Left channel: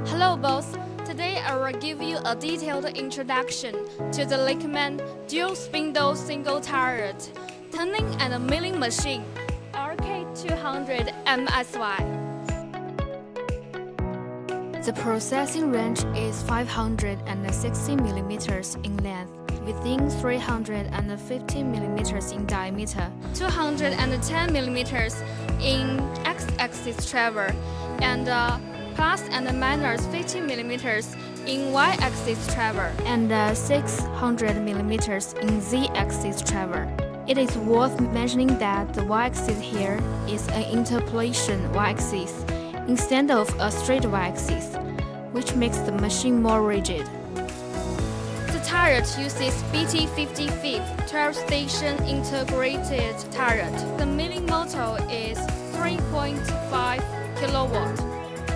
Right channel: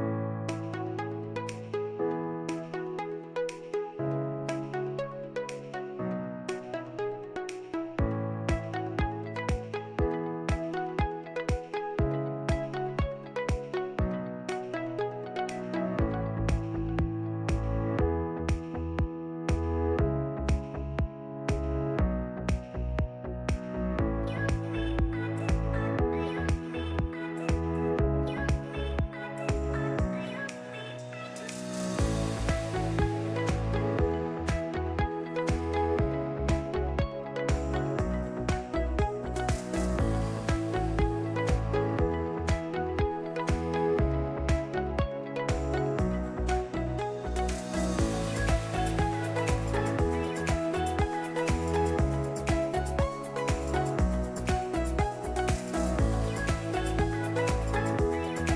Hello boss, today I will give you a detailed introduction to the Lakeman dual spindle single turret turning and milling machine LK-200MSY. The processing range is 560 millimeters in length, within 350 millimeters in diameter, 210 millimeters in x-axis travel, and plus and minus 50 millimeters in y-axis travel, and 600 millimeters in z-axis travel. It is worth mentioning that the y-axis here is an interpolation y-axis instead of a straight y-axis, which makes the machine more rigid. The turret uses BT55 12-station integrated turret. The milling motor is 3.5 kilowatt.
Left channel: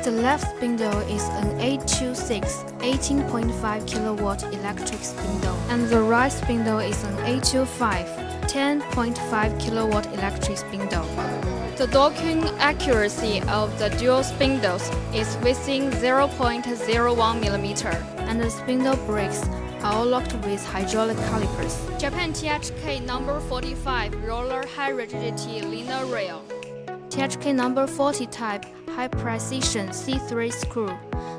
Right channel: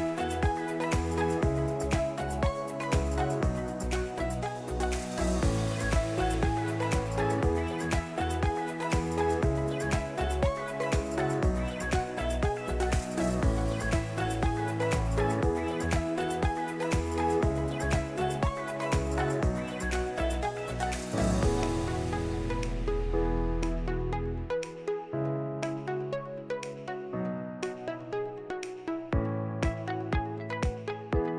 The left spindle is an 826 18.5 kilowatt electric spindle, and the right spindle is an 825 10.5 kilowatt electric spindle. The docking accuracy of the dual spindles is within 0.01 millimeter, and the spindle brakes are all locked with hydraulic calipers. Japan THK number 45 roller high rigidity linear rail. THK number 40 type high precision C3 screw.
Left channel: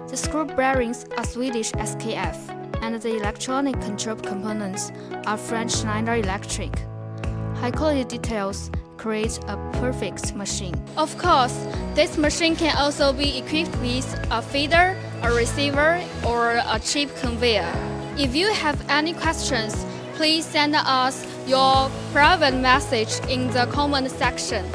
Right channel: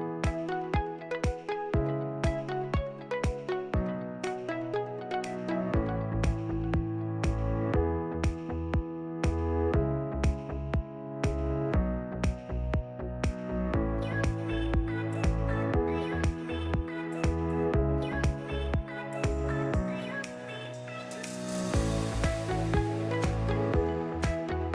The screw bearings are Swedish SKF, and the electronic control components are French Schneider Electric. High quality details create a perfect machine. Of course, this machine can also be equipped with a feeder, a receiver, or a chip conveyor. If you have any questions, please send us your private message in the comment section.